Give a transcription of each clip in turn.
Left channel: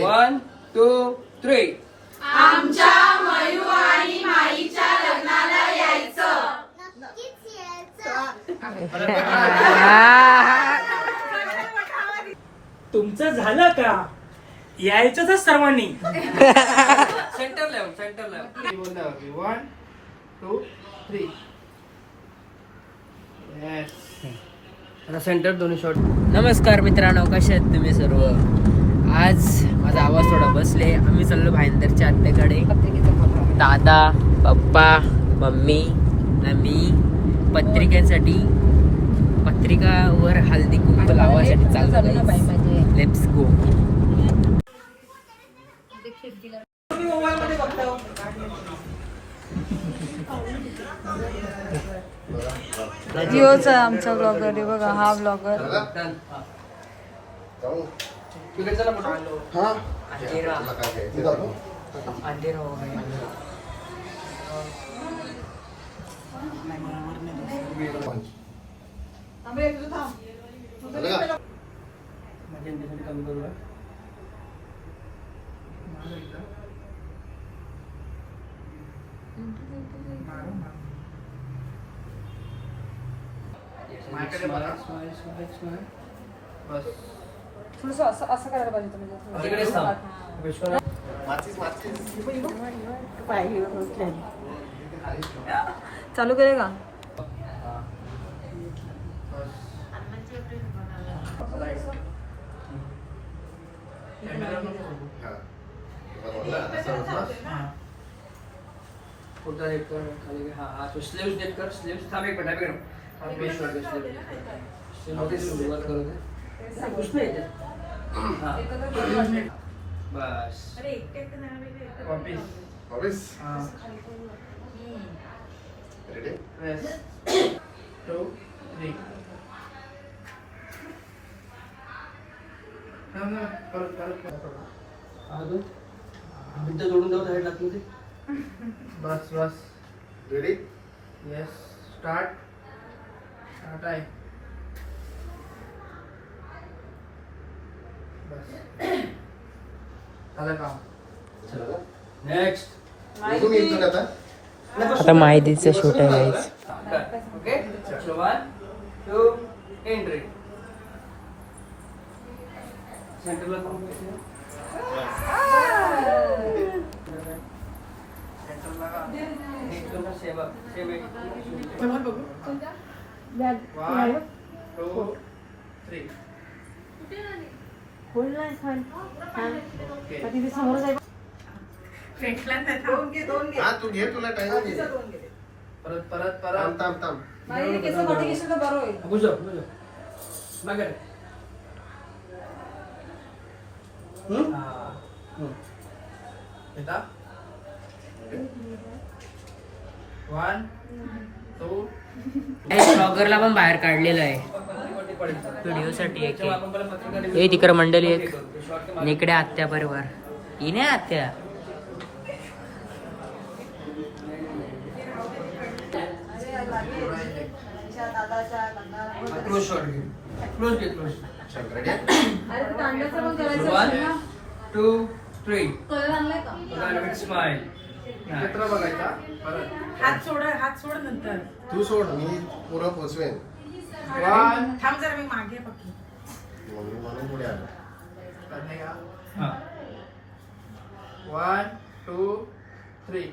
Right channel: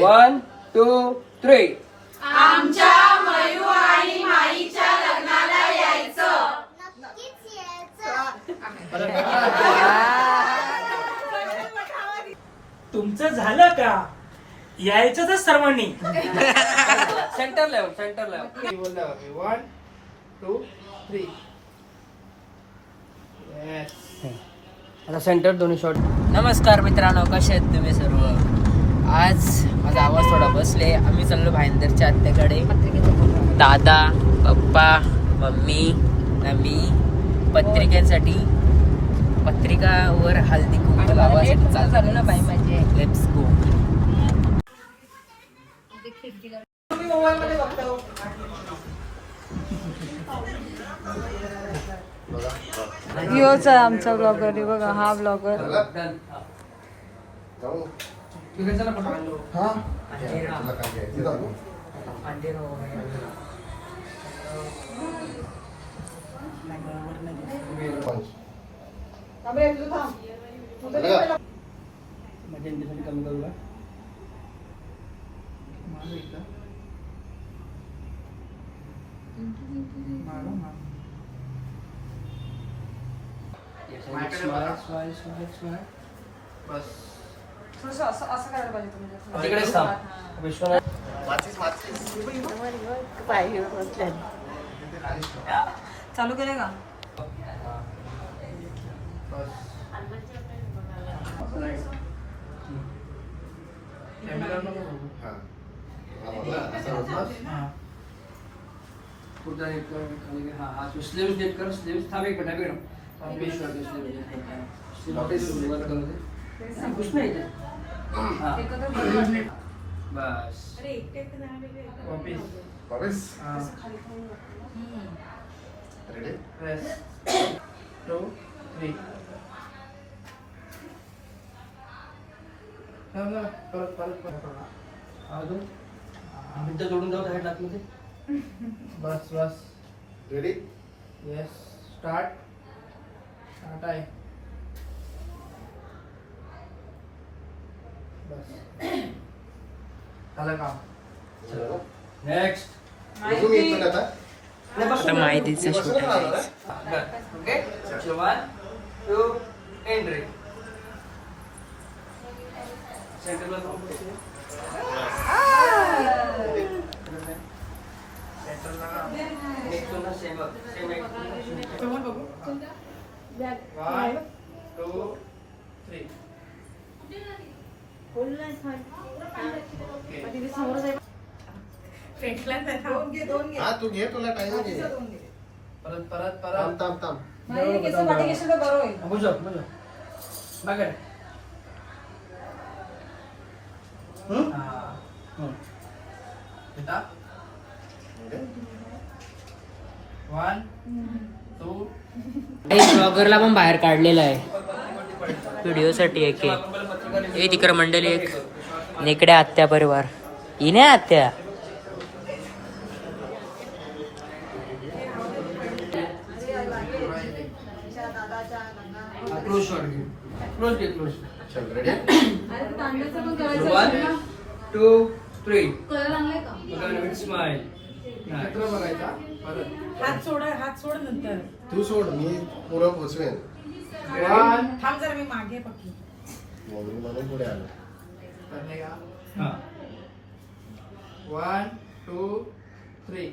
1, 2, 3. आमच्या मयू आणि माईच्या लग्नाला यायचं. नक्कीच यायचं. तुमचं झालं का? यायचं तर सर्वांनी. Centre level. 1, 2, 3. Yes. आता सेंटर दोन्ही शॉट. नमस्कार मित्रांनो, कसे आहेत तुम्ही सर्व? आज माझा आवाज थोडा बसले. आम्ही चाललो भाईंदरच्या आत्याकडे. दादा, पप्पा, मम्मी, आम्ही पत्रिकांसाठी पत्रिकावर हळदी कुंकू लावासाठी चाललो. Let's go. योच आहे आमचा ब्लॉगर आहे बघा, हा ब्लॉगर. कमी करू का? असं करायला पाहिजे. चालू करे का? पुढचा एक कर खाली कर. हा तो स्लीव्स देत कर. स्लीव्स थांब एक मिनिट. वर करू दे. कुछ नाही ते. हा बस. Copies. Ready? Yes. 2, 3. परत. भिंत जोडून जाऊ साईड लागली ते. बस. रेडी? येस. स्टार्ट आहे. बस झालं काम. नेक्स्ट. आता माहितीचं शूट आहे. Okay 1, 2, entry. सेंटरला जाऊन बसले. एक तुला सेम एक. 1, 2, 3. हा तू घे तुला टाइम घे परत थांब बुझो बघा. येता 1, 2. ब्लॉगरला पण बाहेर काढलेलं आहे व्हिडिओसाठी. एक हे तिकडे मंडळी एक नेकड्या आत्या परिवार. ही नाही आत्या. क्लोज शॉट घे. क्लोज. चल रेडी 1, 2, 3. स्माइल. चित्र बघायचा. परत हात सोड नंतर. तू सोड मी पुरं पोचवेन 1. थांब जर मी मागे पकडू. मग मी म्हणून पुढे आलो. करणे का? हां 1, 2, 3.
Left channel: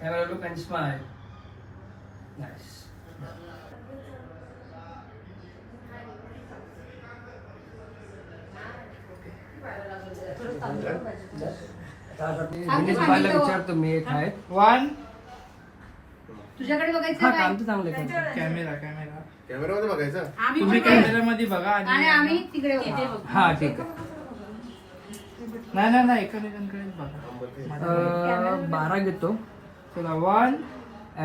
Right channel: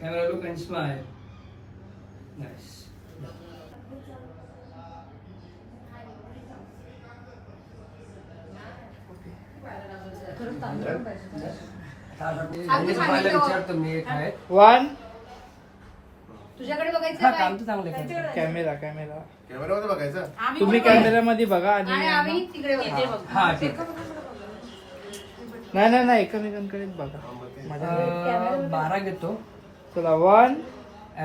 Camera look and smile. Nice. विचारतो मी एक आहे. 1. तुझ्याकडे हा बघायचं काम तर चांगलं करतो. कॅमेरा कॅमेरामध्ये बघायचं. तुम्ही कॅमेरामध्ये बघा आणि आणि आम्ही तिकडे बघू. हा ठीक आहे. नाही एकमेकांकडेच बघा. 12 घेतो. चला 1,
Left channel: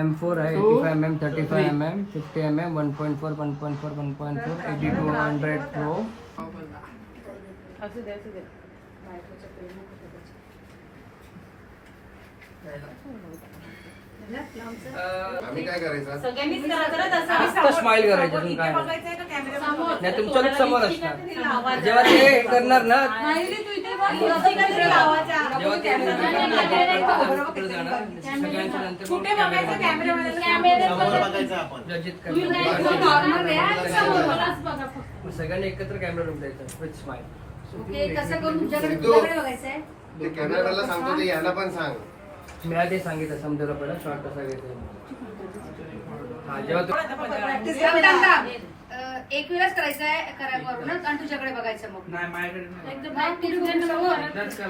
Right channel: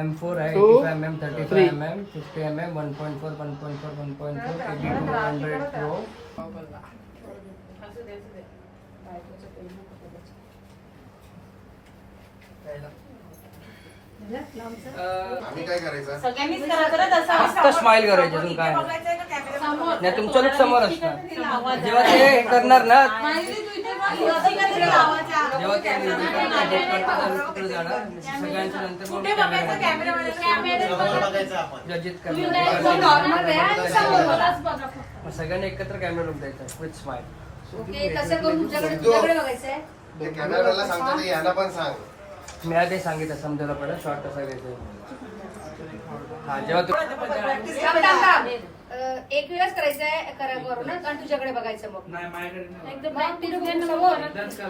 M4 आहे. 85 mm, 35 mm, 50 mm, 1.4, 1.4, 1.4, 82, 100, 4. आम्ही काय करायचं सगळ्यांनीच करायचं ना तसं. स्माइल करायचं. समोर इथे बघायचंय का कॅमेरा? तुमच्या समोर असणार जेव्हा ते करणार ना. माहिती तू इथे जेव्हा ते तिकडे जाणार सगळ्यांच्या नंतर मग जजित करणार. सगळ्यांनी एकत्र कॅमेरा लावून द्यायचा विथ स्माइल. कसं करून तुझ्याकडे बघायचंय. ते कॅमेराला सांगतो ते याला पण सांग. मी आधी सांगितलं समजायला पडेल शॉर्ट कसा घ्यायचा. हा जेव्हा एक वेळच करायचंय करूनच आणि तुझ्याकडे बघायचं मग नाही माझ्याकडे एकदम practice घेऊन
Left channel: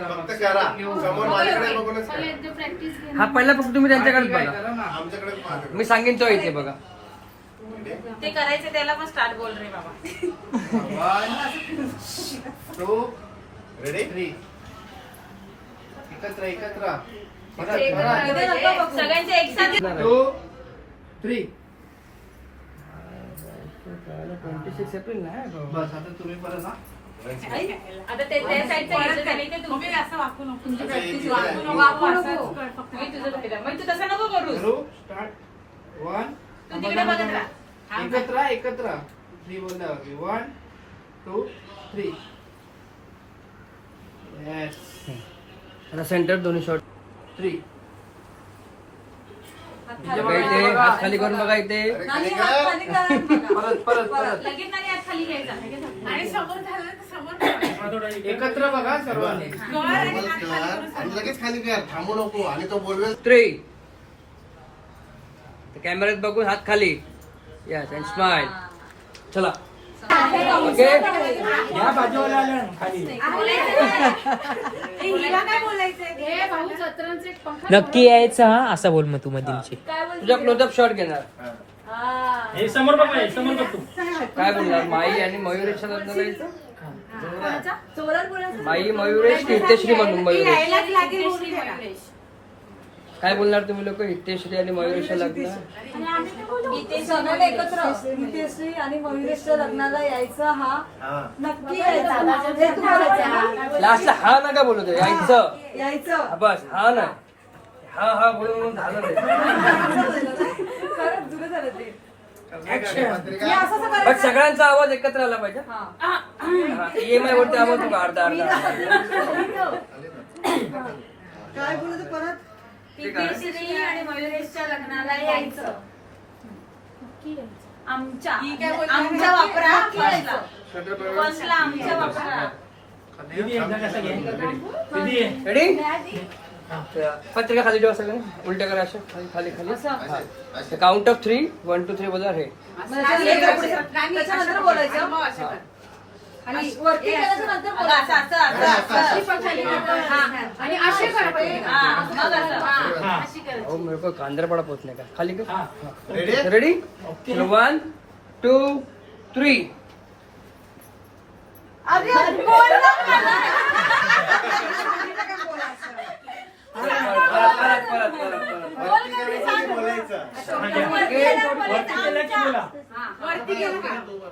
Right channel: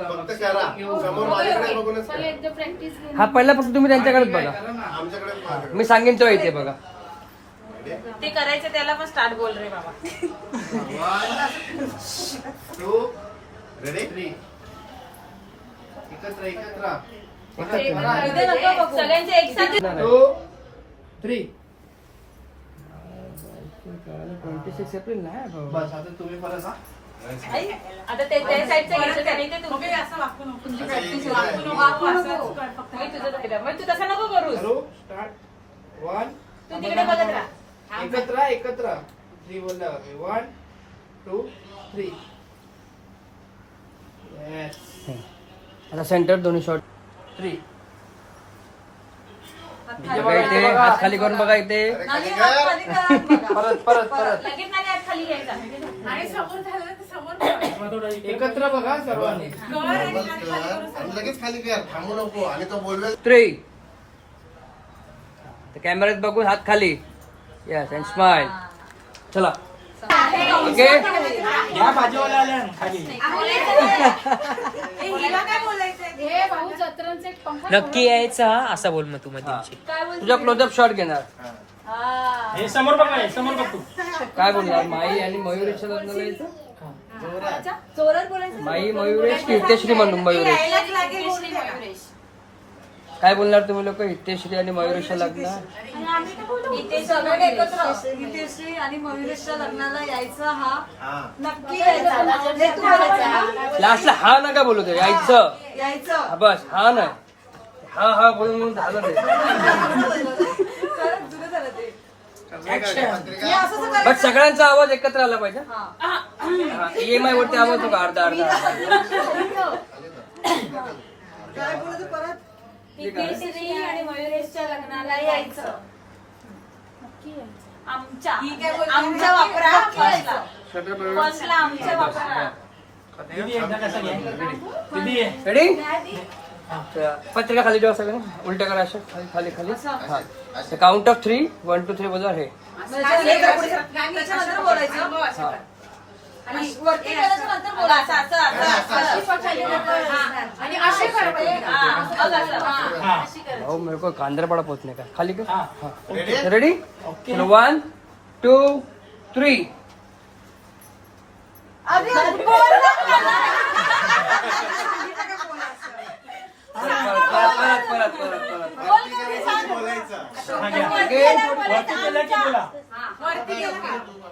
फक्त करा समोर माझ्याकडे बघूनच करा. एकदम प्रॅक्टिस हा पहिला फक्त तुम्ही त्यांच्याकडेच बघा. आमच्याकडेच पाहा. मी सांगेन तो इथे बघा. ते करायचं त्याला पण स्टार्ट बोल रे बाबा. 1 2 रेडी एकत्र सगळ्यांचे एक साथ 2 3 बस आता तुम्ही मला सांग. आता ते त्या साईडचं घ्यायचं का नाही ते तुम्ही असं वाकू नको. तुमची प्रॅक्टिस वाकू नको. वाकू असं कर फक्त. मी तुझं पाहिलं. मग तू तसं नको करूस. करू स्टार्ट 1 तू तिकडे बघत राहा. एकत्र 3 बोलला 1 2 3 येस. आता सेंटर दोन्ही शॉट 3. बघा इथे हात खाली करून बघा इथे. अरे खाली कर. परत लगेच नाही हात खाली घ्यायचा. आणि समोर झालं तर समोर एकत्र बघा सर्वांनी. नॉर्मल कर आणि लगेच खाली कर. थांबू नको आणि तो बोलवेल 3. कॅमेऱ्यात बघून हात खाली. Yes and smile. चला ओके. या बाजूला खाली हे भाऊ जत्रांचं एक पंखा नक्की यायचं हा असं बोल मग तू मध्ये तुझा क्लोजअप शॉट घेणार. हे समोर बघ हे समोर बघ तू. काय बोलणार माई आणि मयुरेशच्या लग्न करायचं. जोरात बोलायचं. माई मयुरेश हितेश्री म्हणून मयुरेश. यायलाच लागेल बोलून द्या. काय बोलणार तुम्ही लोक हितेश्री आणि मयुरेशच्या लग्न. इथे सगळे एकत्र हितेश्री आणि मयुरेशच्या लग्नाला यायचं हा हा नक्की यायचं. हे तू बोलायचं हा. लास्टला हा नका बोलू दे यायचं. यायचं हा बस हा ना हा हा बोलून झालं ते. खरंच जुनं झालं ते. पत्रिका बट सगळ्यांचा आवाज एकत्र आला पाहिजे. EMI वरती आवाज होता अर्धा अर्धा. काय बोलत परत हितेश्री आणि मयुरेशच्या लग्नाला यायचं. आमच्या आमच्या वापरा हॉस्टला आमच्या वापरा. दीदी एकदा कसं घे दीदी रेडी. पत्रिका खाली ठेवा सगळं उलट्या करा अशा खाली खाली खाली. काउंट ऑफ 3 1 2 3 बजा हे. त्याच्यानंतर बोलायचं आणि वरती गेल्याच्या नंतर बोलायचं. आणि असे करा पाहिजे. मग असं. अशी करायची. अहो मेरे को कांदरपाडा पोहोचने का खाली कर. हा रेडी रेडी 1 2 3.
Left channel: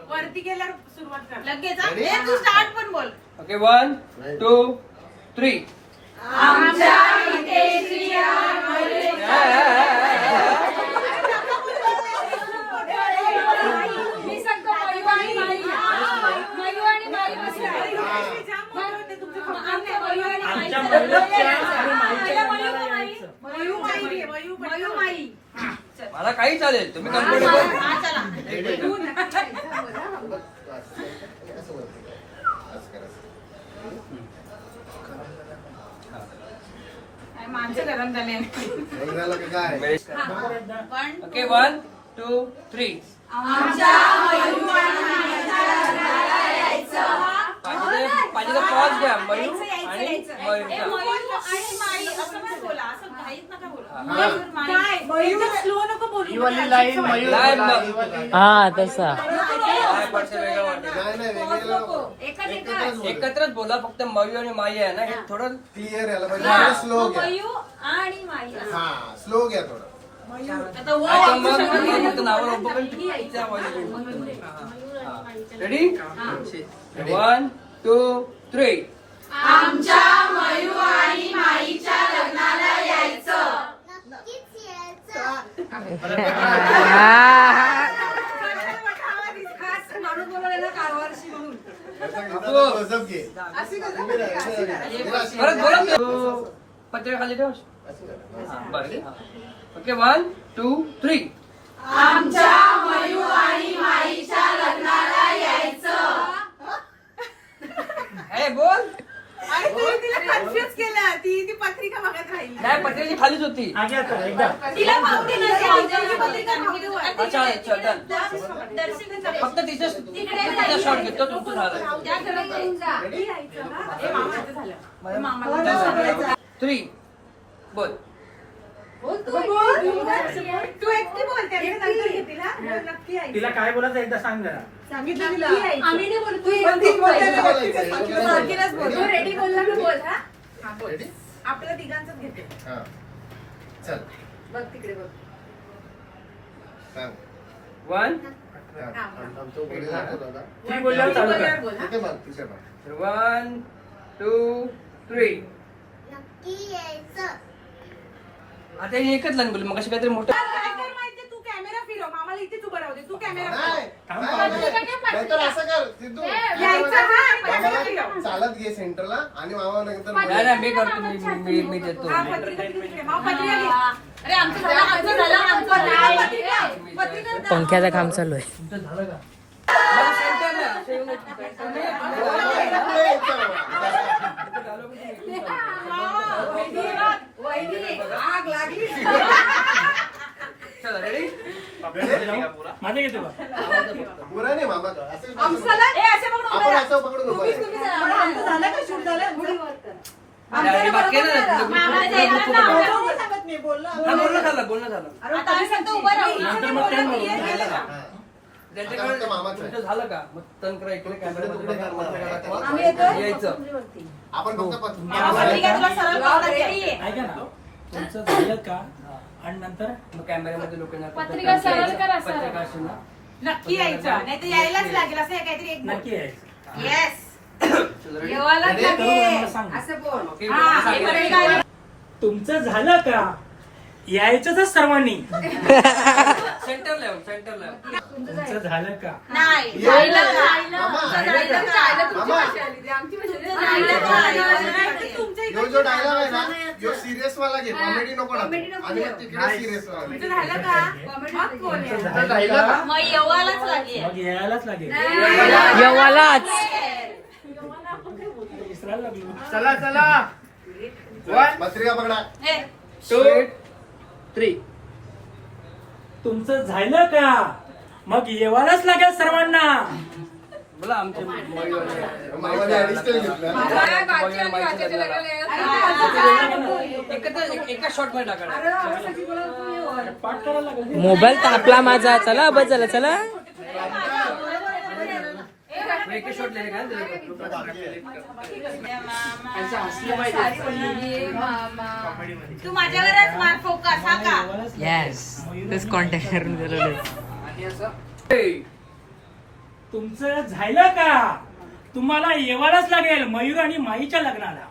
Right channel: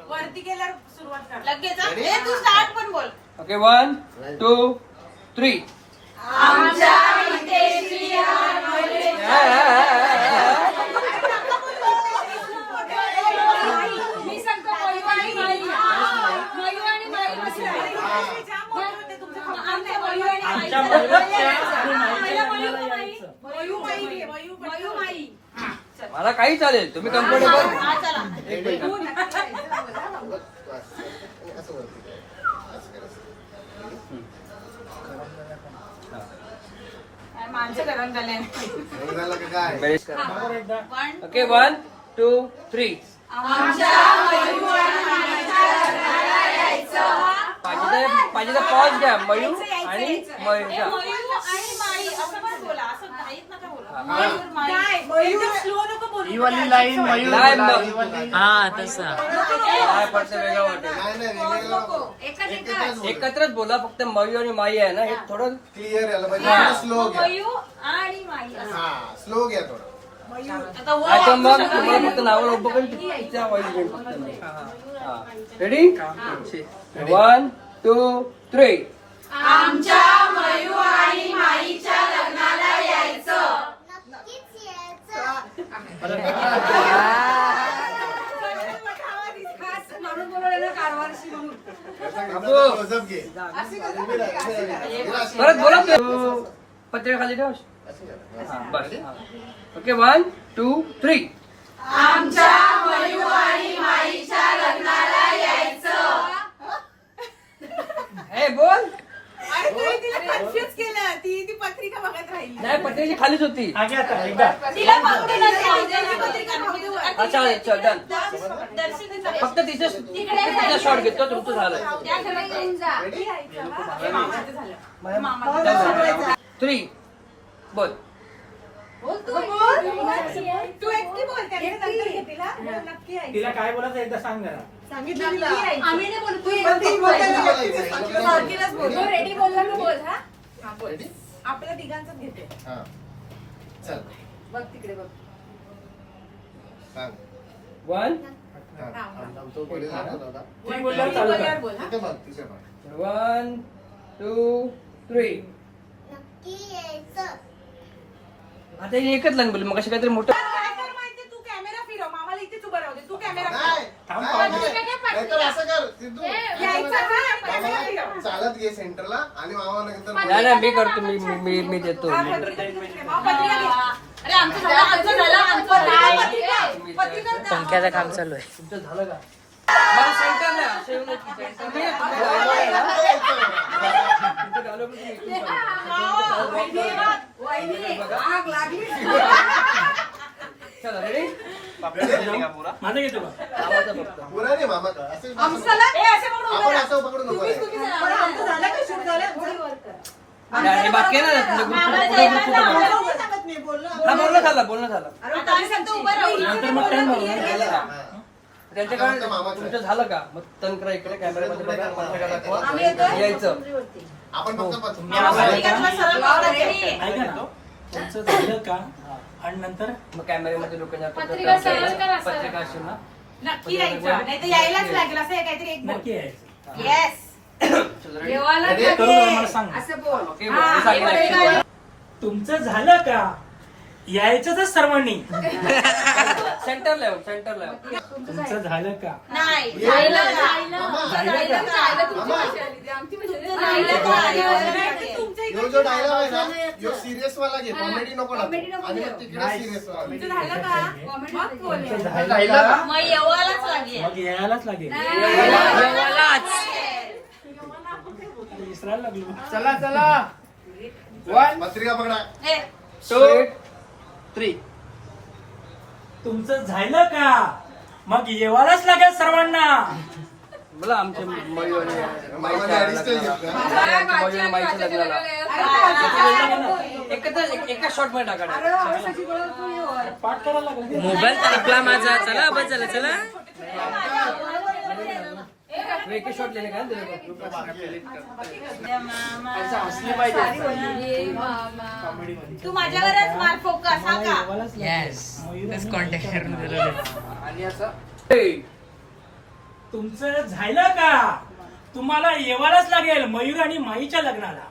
वरती गेल्यावर सुरुवात कर. लगेच हा. हे तू स्टार्ट पण बोल. ओके 1 2 3. मी सांगतो मयू आणि माई. मयू आणि माई बसले. आमच्या मयू आणि माईचं लग्न यायचं. मयू माई. मयू माई. मला काही चालेल तुम्ही कम्फर्टेबल. हा चला. असं वरती काय असं करायचं. माणसं गरम झाले. मग झालं का काय ओके 1 2 3. पाहिजे पॉज घ्या मयू आणि मयूरच्या. हा तसा काय पडतं वेगळं वाटेल. नाही नाही वेगवेगळं नको. एकत्रच बोला फक्त मयू आणि माई आहे ना हे थोडं क्लिअर यायला पाहिजे. स्लो घ्या. आणि माई. हा स्लो घ्या थोडं. रेडी 1 2 3. आमच्या मयू आणि माईच्या लग्नाला यायचं. नक्कीच यायचं. माणूस बोलवलेला कारभारशी म्हणून गजब घे. परत बोला पत्रिका खाली ठेव. ओके 1 2 3. आमच्या मयू आणि माईच्या लग्नाला यायचं. ए बोल. अरे तू तिला कन्फ्युज केलं. ती पत्रिका बघत राहिली. नाही पत्रिका खालीच होती. आगे आता एकदा तिला पावती नसते. तिची पत्रिका नव्हती. अच्छा अच्छा डन. फक्त तिथे शॉट घेतो तुमचं झालं. 3 बोल. तू एकटी बोलते नंतर घेतील हा? नक्की आहे. तिला काय बोलायचं एकदा सांग जरा. सांगितलं तिला आम्ही नाही बोलू, तू तू रेडी बोलला ना बोल हा. हा बोल. Ready? आपल्या तिघांचंच घेते. हा. चल बघ तिकडे बघ. सांग. 1 तो बोलेल ना दादा. ती बोलल्यावर चालू कर. बोल हा. इथे बघ तिथे बघ. 1 2 3. नक्की यायचं. आता हे एकच लंग बोल मग कशी काहीतरी मोठं. काय कर माहितीये, तू कॅमेरा फिरव. मामाला इथेच उभं राहू दे. तू कॅमेरा नाही, फिरव. नाहीतर असं कर सिद्धू. यायचं हा. कॅमेरा मामाला फिरव. चालत घे सेंटरला आणि मामा नंतर नाही नाही मी करतो मी देतो. हा, पत्रिका तिकडे ठेव. मामा पत्रिका घे. अरे आमचं झालं, आमचं झालं, आमचं झालं. पत्रिका द्या. पंख्याचं काम चालू आहे. तुमचं झालं का? मला center नाही, असे येऊन येत नाही. तुम्ही वहिनी, आग लागली. चला रेडी. माझं घेतो का? पुरा नाही मामा असं आमचं ए, असे पकडून आपण उभं असं पकडून उभं राहायचं. पण आमचं झालं का शूट झालं? थोडी वर कर. बाकी आहे ना बोलणं झालं. अरे ताई सांगतो उभं राहू. नंतर मग turn मारू. हा. त्यांच्याकडे आता मामाचं आहे. तुमचं झालं का मग तनकरा इकडे कॅमेरामध्ये बघा, पत्रिका दाखवा. आम्ही येतो. यायचं. आपण फक्त पत्र- पत्रिकातला सरळ लावा, ready? ऐका ना तुमचं झालं का आणि नंतर मग कॅमेऱ्यामध्ये लोकांना पत्रिका सरळ करा, सरळ. पत्रिका असेल ना. नक्की यायचं. नाही तर यायलाच लागेल. असं हे काहीतरी एक बोल. नक्की आहे. येस. येवायलाच करून लागेल. मला सांग. असं बोल. ओके, हा, सांगितलं. हे पत्रिका. तुमचं झालं का यायचंच सर्वांनी. सेंटरला येऊ, सेंटरला येऊ. तुमचं झालं का नाही. ये. जायला मामा. जायला जायला तुमची मामा. भाषा आली ती. आमची भाषा नाही. जायला जायला. तुमच्या यो इकडे जो डायलॉग आहे ना यो सिरियस वाला घे कॉमेडी नको टाकू. Comedy नको आणि घेऊ. मग तिकडे नाही. सिरियस वाला घे. तुझं झालं का? मग बोल. तुमचं आता झालं राहिलं का? का? मग येवायलाच लागेल. मग यायलाच लागेल. येवालाच. विसरायला लागली. पत्रिका पकडा. 2 3. तुमचं झालं का मग येवायलाच लागेल सर्वांना. बोला आमच्या मामाने अडीचशे घेतलं. एका शॉट मध्ये टाका. पाठ करायला लागेल. मोबाईल तापला माझा. चला बस झालं चला. एका शॉट लेले का तू माझ्यावरच मार फोकस हा का? येस तेच कॉन्टॅक्ट करून दिलेलं आहे. आणि असं तुमचं झालं का तुम्हाला येवायलाच लागेल मयूर आणि माईच्या लग्नाला.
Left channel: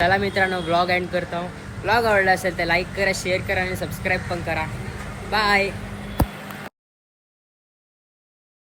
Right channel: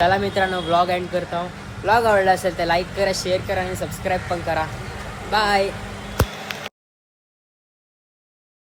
चला मित्रांनो व्लॉग एंड करतो. व्लॉग आवडला असेल तर लाईक करा, शेअर करा आणि सबस्क्राईब पण करा. बाय.